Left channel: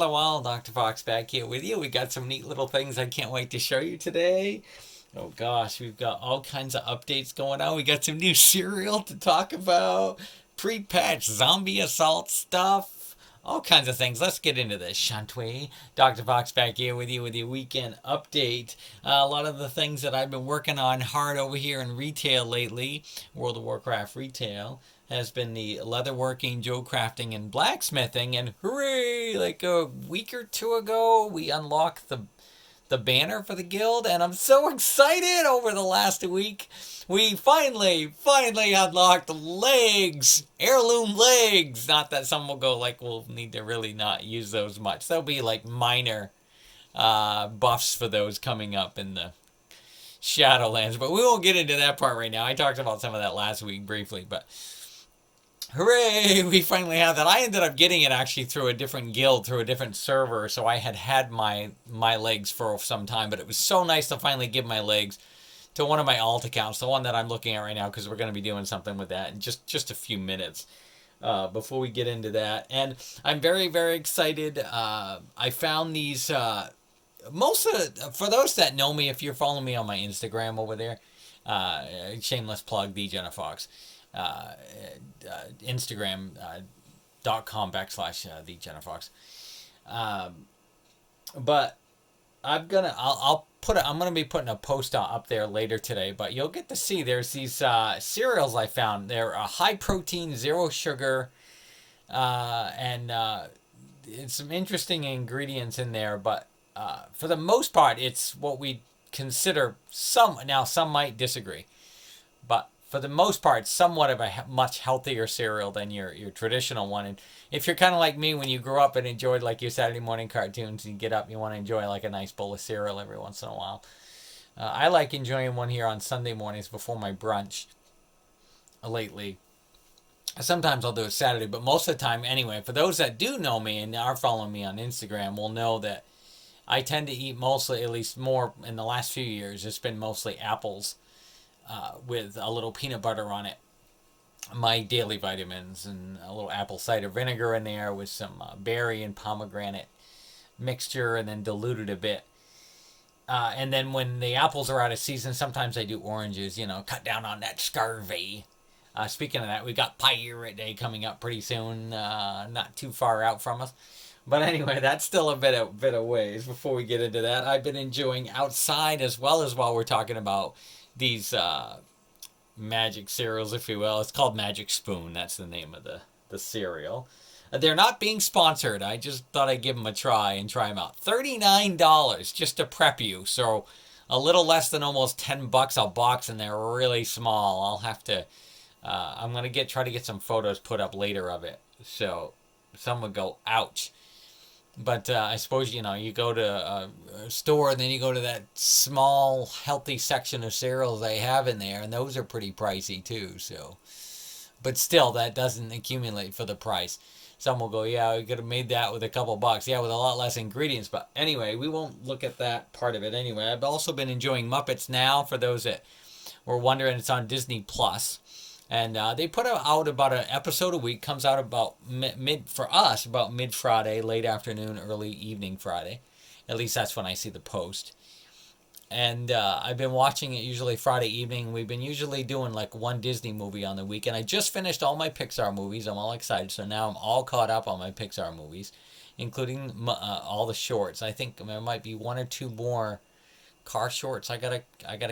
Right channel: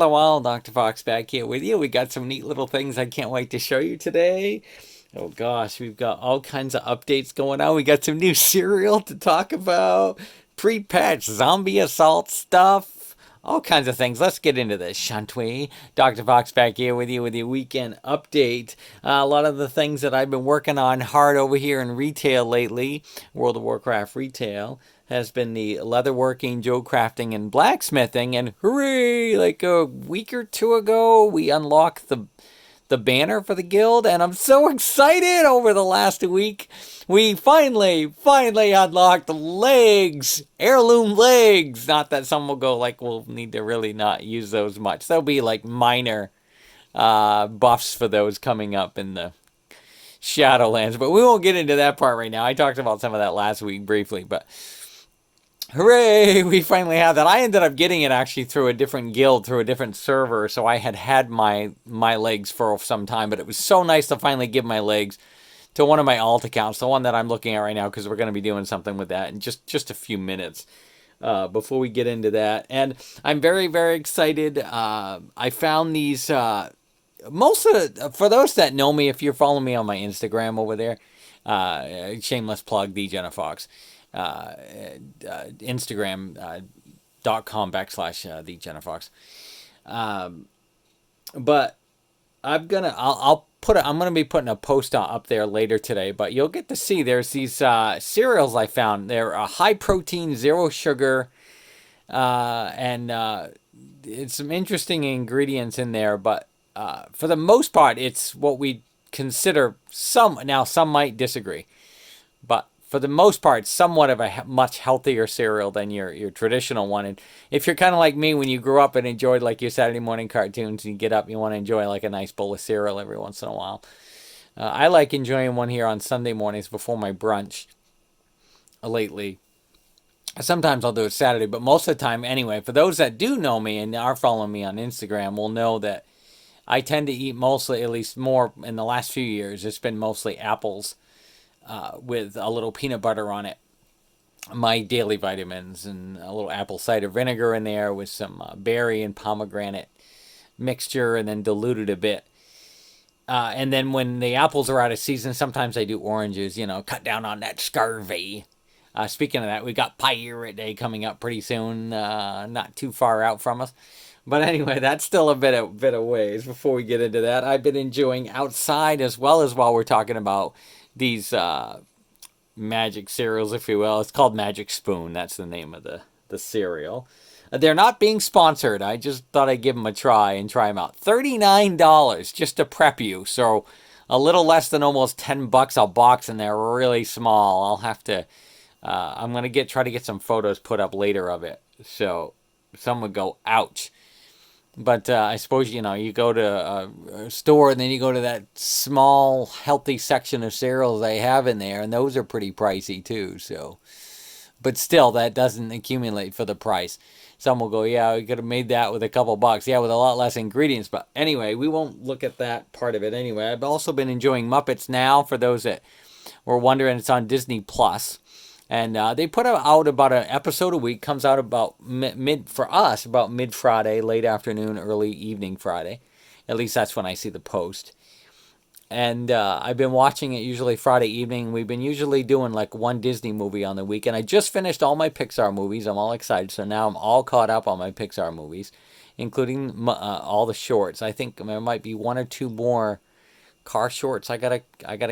Hello, Dr. Fox back here with you. We got some neat little things I can't wait to show you today. Oh gosh, we've got all kinds of updates going on. We got some new cereal to talk about, pre-patch zombie assault stuff, all kinds of things. Let's get into this, shan't we? Dr. Fox back here with you with your weekend update. A lot of the things that I've been working on hard over here in retail lately, World of Warcraft retail, has been the leatherworking, Joe crafting, and blacksmithing. And hooray! Like a week or two ago, we unlocked the banner for the guild, and I'm so excited over the last week. We finally unlocked the legs, heirloom legs. Not that some will go like, we'll need to really not use those much. There'll be like minor buffs for those coming up in the Shadowlands, but we won't get into that part right now. I talked about some of that last week briefly, but hooray, we finally have that. I ended up getting it actually through a different guild, through a different server, so I had my legs for some time, but it was so nice to finally give my legs to one of my alt accounts, the one that I'm looking at right now, because we're going to be doing something with that in just a few minutes before we get into that. And I'm very excited. I found these for those that know me, if you're following me on my Instagram over there, shameless plug, the Jenna Fox, Instagram.com/ the Jenna Fox. But I'm gonna be putting a post up there later today, but you'll get to see there's these cereals I found. They're high protein, zero sugar, and it's some interesting ingredients in there, but for the most part, it's what we consider some might disagree, but for the most part, somewhat of a much healthier cereal than your traditional one. And if you're kind of like me, when you grew up and enjoyed like your Saturday morning cartoons, and you get up, you want to enjoy like a nice bowl of cereal every once in a while. I like enjoying one here on Sunday mornings before my brunch. Lately, sometimes I'll do it Saturday, but most of the time, anyway. For those that do know me and are following me on Instagram, will know that I tend to eat mostly, at least more in the last few years, it's been mostly apples with a little peanut butter on it. My daily vitamins and a little apple cider vinegar in there with some berry and pomegranate mixture, and then diluted a bit. And then when the apples are out of season, sometimes I do oranges, cut down on that scurvy. Speaking of that, we got Pirate Day coming up pretty soon, not too far out from us. But anyway, that's still a bit of ways before we get into that. I've been enjoying outside as well as while we're talking about these magic cereals, if you will. It's called Magic Spoon. That's the name of the cereal. They're not being sponsored. I just thought I'd give them a try and try them out. $39 just to prep you. So a little less than almost $10 a box, and they're really small. I'll have to. I'm gonna try to get some photos put up later of it. So some would go, ouch. But I suppose, you go to a store and then you go to that small, healthy section of cereals they have in there, and those are pretty pricey too. So, but still, that doesn't accumulate for the price. Some will go, yeah, we could have made that with a couple bucks. Yeah, with a lot less ingredients. But anyway, we won't look at that part of it anyway. I've also been enjoying Muppets Now, for those that were wondering. It's on Disney Plus. And they put out about an episode a week. Comes out about about mid Friday, late afternoon, early evening Friday. At least that's when I see the post. And I've been watching it usually Friday evening. We've been usually doing like one Disney movie on the weekend. I just finished all my Pixar movies. I'm all excited. So now I'm all caught up on my Pixar movies, including all the shorts. I think there might be one or two more car shorts I gotta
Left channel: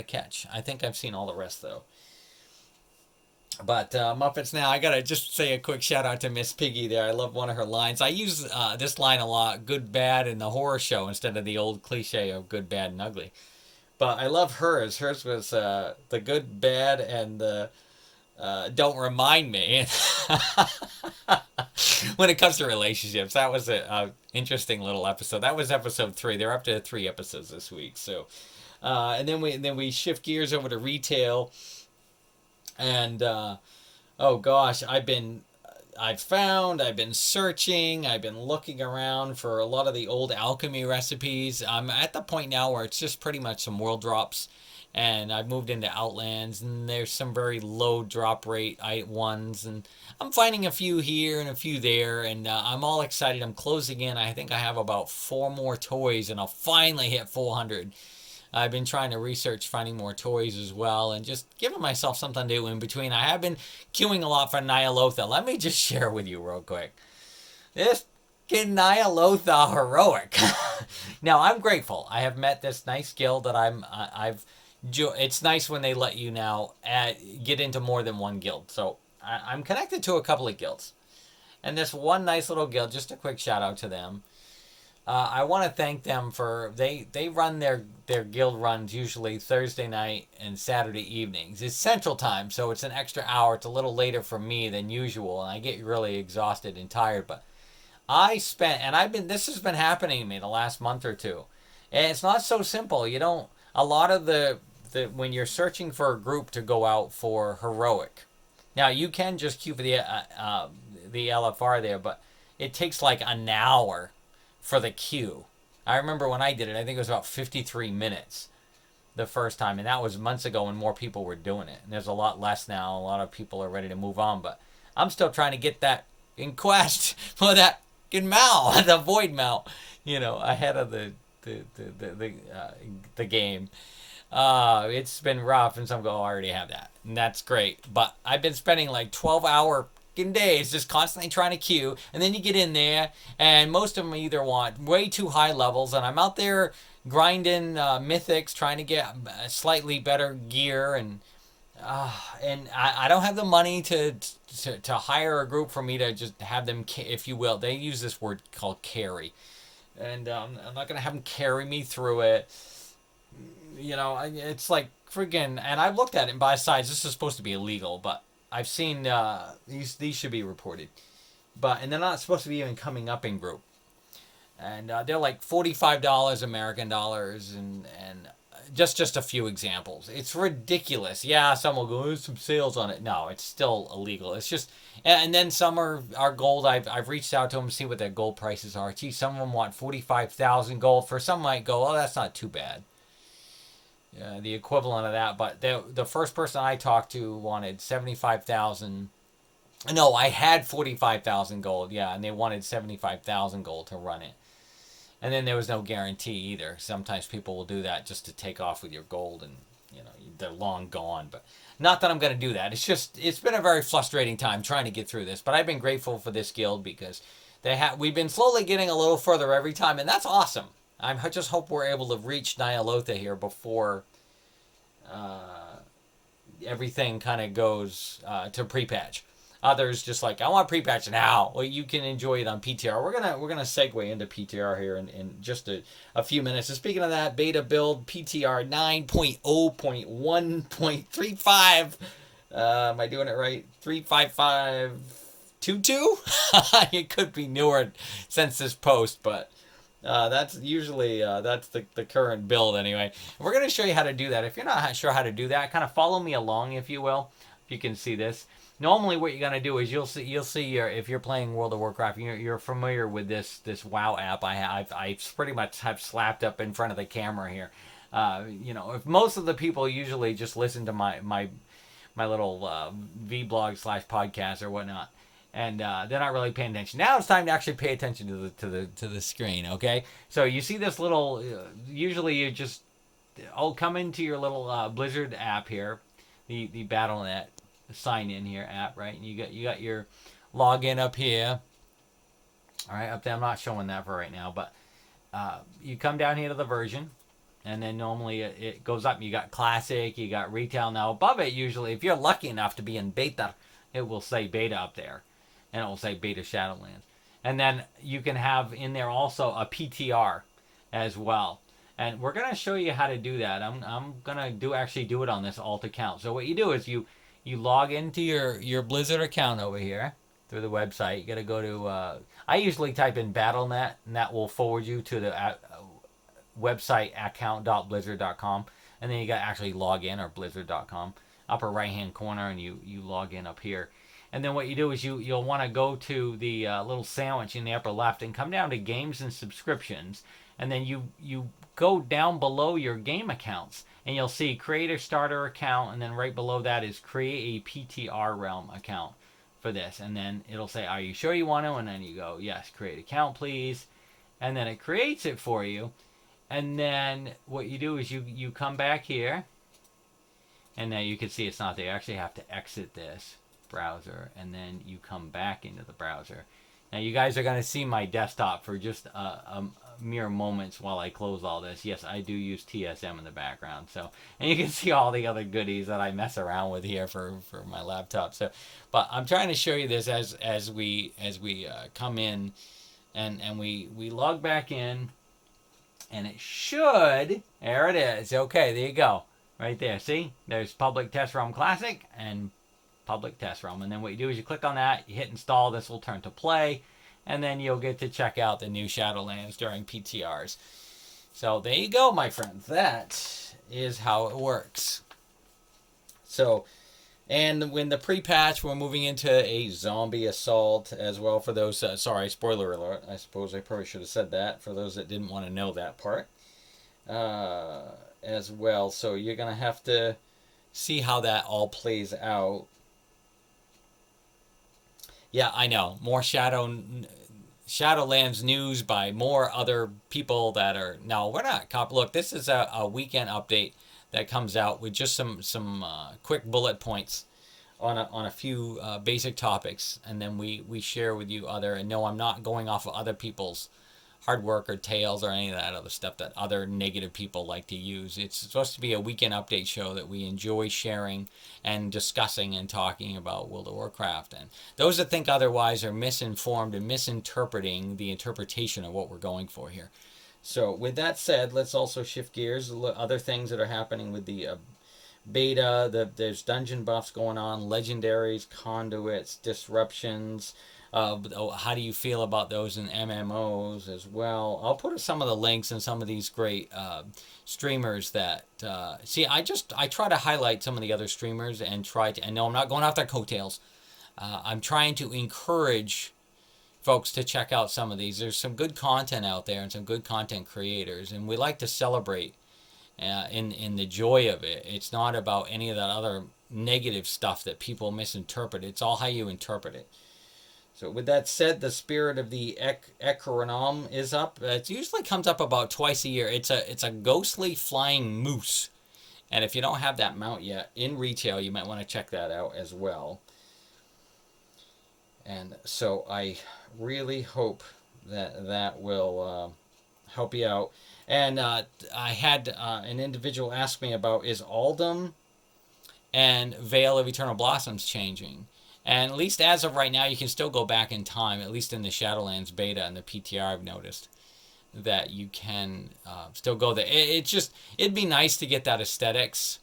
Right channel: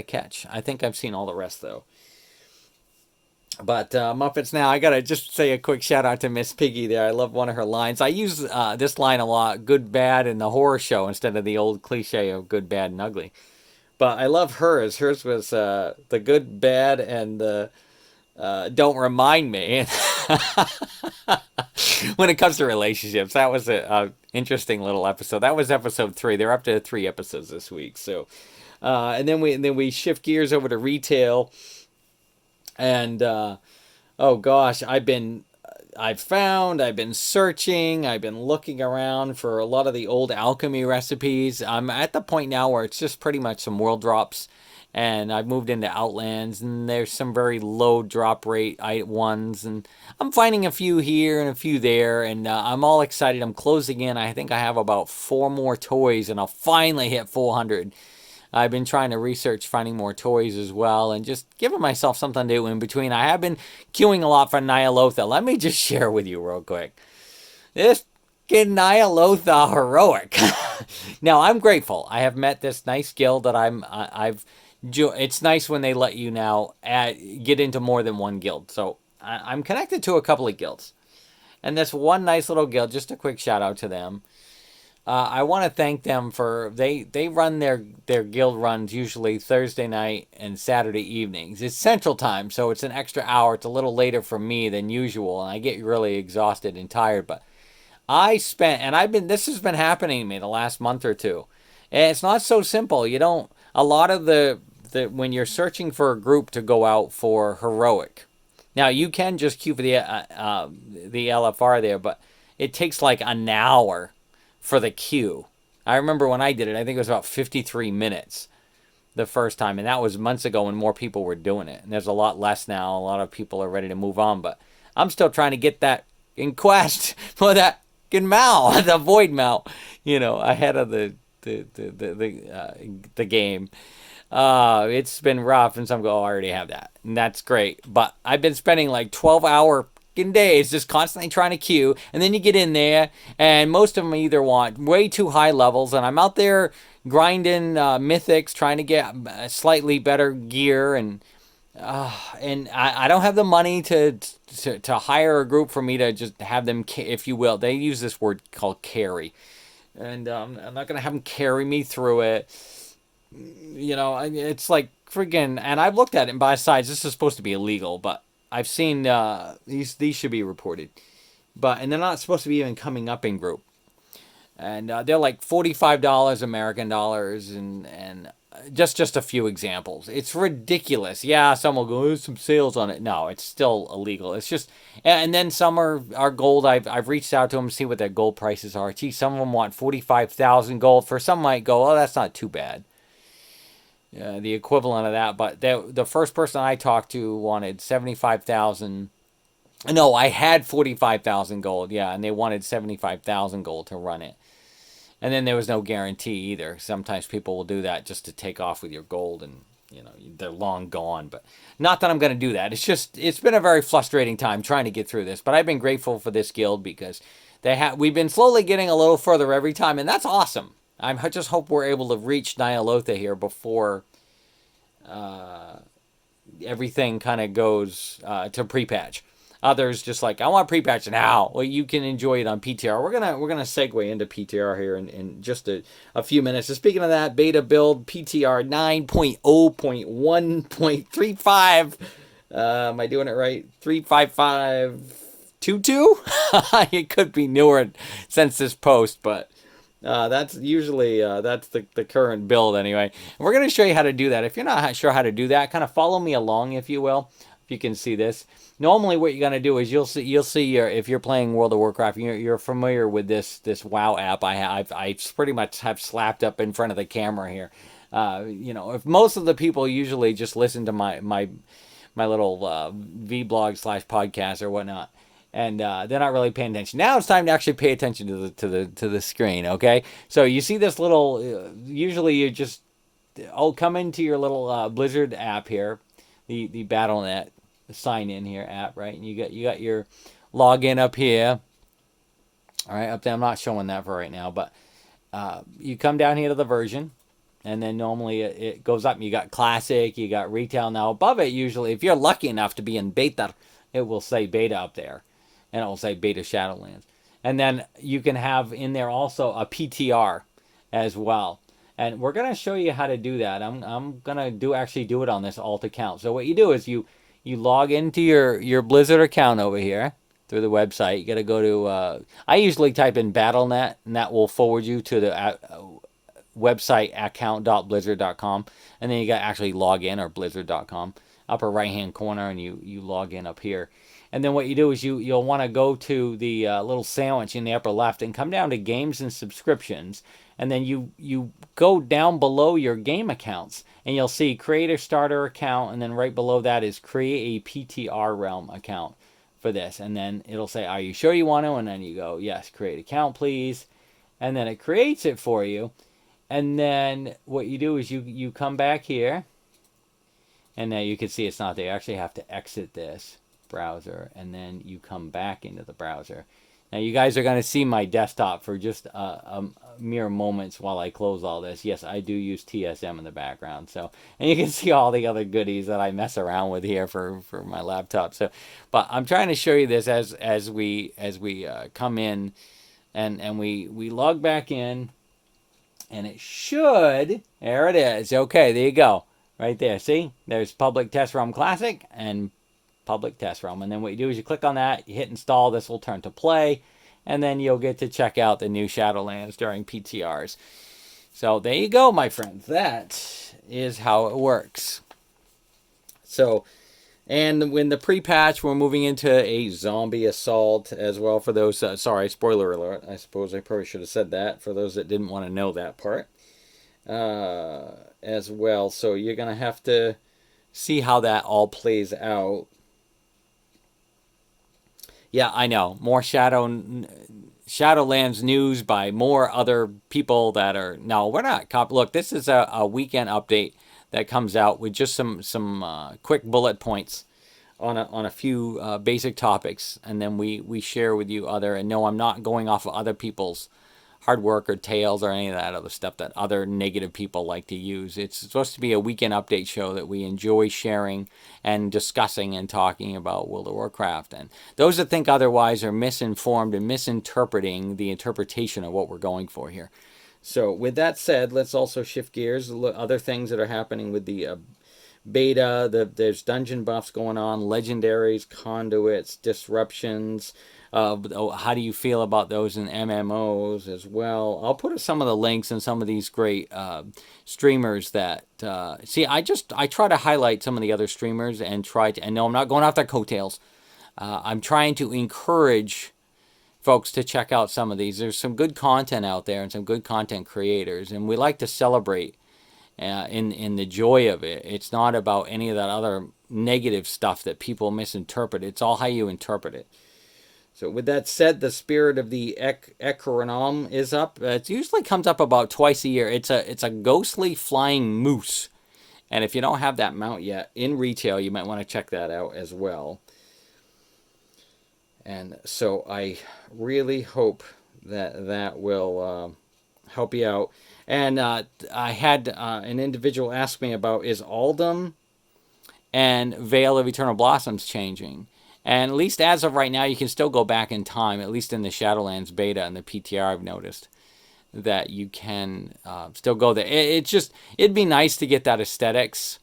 catch. I think I've seen all the rest though. But Muppets Now, I gotta just say a quick shout out to Miss Piggy there. I love one of her lines. I use this line a lot: good, bad, and the horror show, instead of the old cliche of good, bad, and ugly. But I love hers. Hers was the good, bad, and the don't remind me. When it comes to relationships, that was a interesting little episode. That was episode 3. They're up to 3 episodes this week. So, and then we shift gears over to retail. And oh gosh, I've been searching, I've been looking around for a lot of the old alchemy recipes. I'm at the point now where it's just pretty much some world drops and I've moved into Outlands, and there's some very low drop rate ones, and I'm finding a few here and a few there, and I'm all excited. I'm closing in. I think I have about 4 more toys, and I'll finally hit 400. I've been trying to research finding more toys as well, and just giving myself something to do in between. I have been queuing a lot for Nyalotha. Let me just share with you real quick. This Nyalotha heroic. Now I'm grateful. I have met this nice guild that it's nice when they let you now get into more than one guild. So I'm connected to a couple of guilds, and this one nice little guild. Just a quick shout out to them. I want to thank them for they run their guild runs usually Thursday night and Saturday evenings. It's Central Time, so it's an extra hour. It's a little later for me than usual, and I get really exhausted and tired. But this has been happening to me the last month or two, and it's not so simple. You don't a lot of the when you're searching for a group to go out for heroic. Now you can just queue for the LFR there, but it takes like an hour for the queue. I remember when I did it, I think it was about 53 minutes the first time, and that was months ago when more people were doing it. And there's a lot less now. A lot of people are ready to move on, but I'm still trying to get that in quest for that Mal, the void Mal, ahead of the game. It's been rough, and some go, I already have that, and that's great. But I've been spending like 12-hour days just constantly trying to queue, and then you get in there, and most of them either want way too high levels, and I'm out there grinding mythics, trying to get slightly better gear, and I don't have the money to hire a group for me to just have them, if you will. They use this word called carry, and I'm not gonna have them carry me through it. It's like friggin', and I've looked at it, and by sides, this is supposed to be illegal, but I've seen these should be reported, and they're not supposed to be even coming up in group, and they're like $45 American dollars, and just a few examples. It's ridiculous. Yeah, some will go, there's some sales on it. No, it's still illegal. It's just, and then some are gold. I've reached out to them to see what their gold prices are. Gee, some of them want 45,000 gold. For some might go, oh, that's not too bad. The equivalent of that, but the first person I talked to wanted 75,000. No, I had 45,000 gold, yeah, and they wanted 75,000 gold to run it. And then there was no guarantee either. Sometimes people will do that just to take off with your gold, and they're long gone. But not that I'm going to do that. It's been a very frustrating time trying to get through this. But I've been grateful for this guild because we've been slowly getting a little further every time, and that's awesome. I just hope we're able to reach Nyalotha here before everything kind of goes to pre-patch. Others just like, I want pre-patch now. Well, you can enjoy it on PTR. We're gonna segue into PTR here in just a few minutes. So speaking of that, beta build PTR 9.0.1.35. Am I doing it right? 35522. It could be newer since this post, but that's usually that's the current build anyway. We're going to show you how to do that. If you're not sure how to do that, kind of follow me along, if you will. If you can see this, normally what you're going to do is you'll see if you're playing World of Warcraft, you're familiar with this WoW app. I pretty much have slapped up in front of the camera here. If most of the people usually just listen to my little vlog / podcast or whatnot, and they're not really paying attention. Now it's time to actually pay attention to the screen. Okay, so you see this little. Usually you just come into your little Blizzard app here, the Battle.net sign in here app, right? And you got your login up here. All right, up there. I'm not showing that for right now, but you come down here to the version, and then normally it goes up. You got classic, you got retail. Now above it, usually, if you're lucky enough to be in beta, it will say beta up there. And it will say beta Shadowlands. And then you can have in there also a PTR as well. And we're going to show you how to do that. I'm going to do it on this alt account. So what you do is you log into your Blizzard account over here through the website. You got to go to, I usually type in Battle.net, and that will forward you to the website account.blizzard.com. And then you got to actually log in, or blizzard.com, upper right hand corner, and you log in up here. And then what you do is you'll want to go to the little sandwich in the upper left and come down to games and subscriptions. And then you go down below your game accounts and you'll see create a starter account. And then right below that is create a PTR realm account for this. And then it'll say, are you sure you want to? And then you go, yes, create account, please. And then it creates it for you. And then what you do is you come back here. And now you can see it's not there. You actually have to exit this browser. And then you come back into the browser. Now you guys are going to see my desktop for just a mere moments while I close all this. Yes, I do use TSM in the background. So, and you can see all the other goodies that I mess around with here for my laptop. So, but I'm trying to show you this as we come in and we log back in, and it should, there it is. Okay, there you go. Right there. See? There's Public Test ROM Classic and Public Test ROM. And then what you do is you click on that, you hit install, this will turn to play, and then you'll get to check out the new Shadowlands during PTRs. So there you go, my friends. That is how it works. So, and when the pre-patch, we're moving into a zombie assault as well for those, sorry, spoiler alert. I suppose I probably should have said that for those that didn't want to know that part. As well. So you're going to have to see how that all plays out. Yeah, I know. More Shadowlands news by more other people that are... No, we're not. Look, this is a weekend update that comes out with just some quick bullet points on a few basic topics. And then we share with you other... And no, I'm not going off of other people's hard work or tales or any of that other stuff that other negative people like to use. It's supposed to be a weekend update show that we enjoy sharing and discussing and talking about World of Warcraft. And those that think otherwise are misinformed and misinterpreting the interpretation of what we're going for here. So with that said, let's also shift gears. Other things that are happening with the beta, there's dungeon buffs going on, legendaries, conduits, disruptions. How do you feel about those in MMOs as well? I'll put some of the links in some of these great streamers that see. I try to highlight some of the other streamers and no, I'm not going off their coattails. I'm trying to encourage folks to check out some of these. There's some good content out there and some good content creators, and we like to celebrate in the joy of it. It's not about any of that other negative stuff that people misinterpret. It's all how you interpret it. So with that said, the Spirit of the Ekronom is up. It usually comes up about twice a year. It's a ghostly flying moose. And if you don't have that mount yet in retail, you might want to check that out as well. And so I really hope that will help you out. And I had an individual ask me about, is Aldum and Veil of Eternal Blossoms changing? And at least as of right now, you can still go back in time, at least in the Shadowlands beta and the PTR, I've noticed that you can still go there. It'd be nice to get that aesthetics.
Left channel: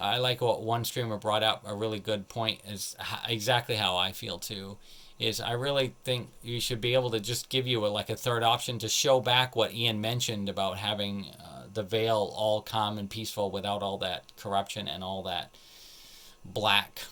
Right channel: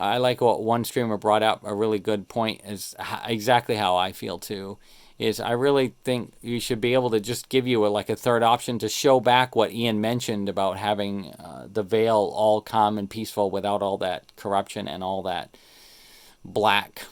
I like what one streamer brought up, a really good point, is exactly how I feel too. Is I really think you should be able to just give you a third option to show back what Ian mentioned about having the Veil all calm and peaceful without all that corruption and all that black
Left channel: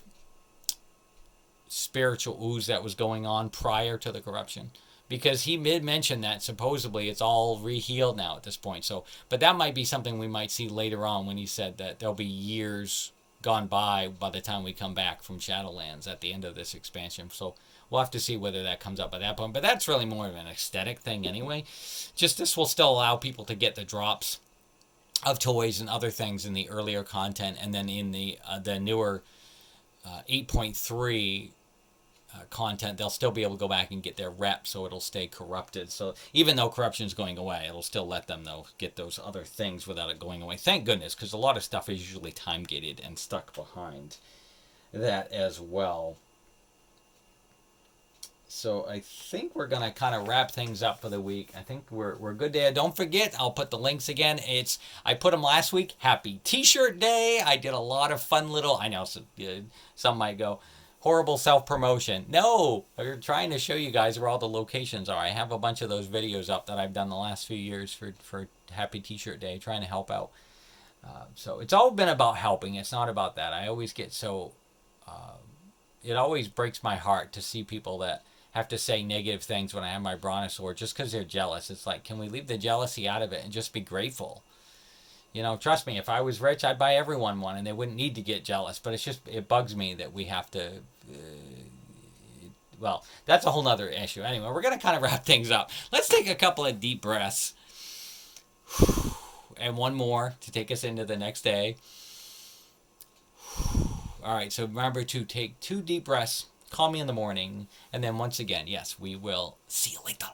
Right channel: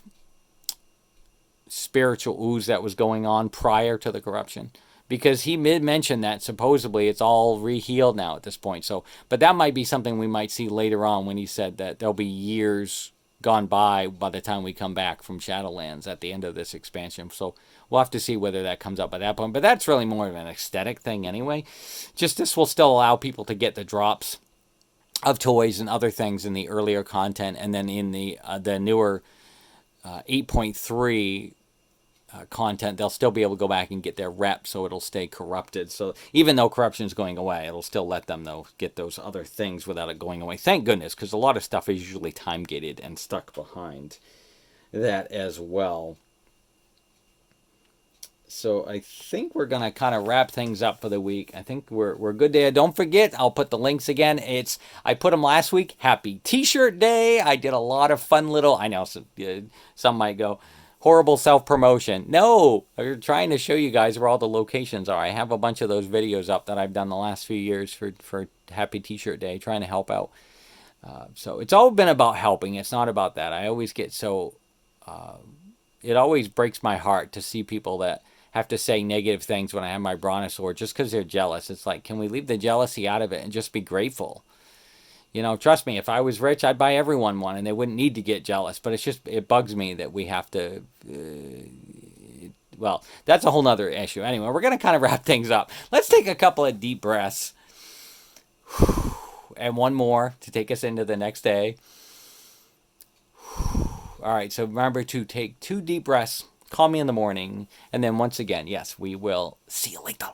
spiritual ooze that was going on prior to the corruption, because he mentioned that supposedly it's all re-healed now at this point. So, but that might be something we might see later on when he said that there'll be years gone by the time we come back from Shadowlands at the end of this expansion. So we'll have to see whether that comes up at that point. But that's really more of an aesthetic thing anyway. Just this will still allow people to get the drops of toys and other things in the earlier content, and then in the newer 8.3 content, they'll still be able to go back and get their rep, so it'll stay corrupted. So even though corruption is going away, it'll still let them get those other things without it going away. Thank goodness, because a lot of stuff is usually time gated and stuck behind that as well. So I think we're going to kind of wrap things up for the week. I think we're good there. Don't forget, I'll put the links again. I put them last week. Happy T-shirt day. I did a lot of fun little... I know some might go, horrible self-promotion. No, I'm trying to show you guys where all the locations are. I have a bunch of those videos up that I've done the last few years for Happy T-shirt day, trying to help out. So it's all been about helping. It's not about that. I always get so... it always breaks my heart to see people that have to say negative things when I have my brontosaur just because they're jealous. It's like, can we leave the jealousy out of it and just be grateful? You know, trust me, if I was rich, I'd buy everyone one and they wouldn't need to get jealous. But it's just, it bugs me that we have to, well, that's a whole nother issue. Anyway, we're going to kind of wrap things up. Let's take a couple of deep breaths. And one more to take us into the next day. All right, so remember to take 2 deep breaths. Call me in the morning. And then once again, yes, we will see you later.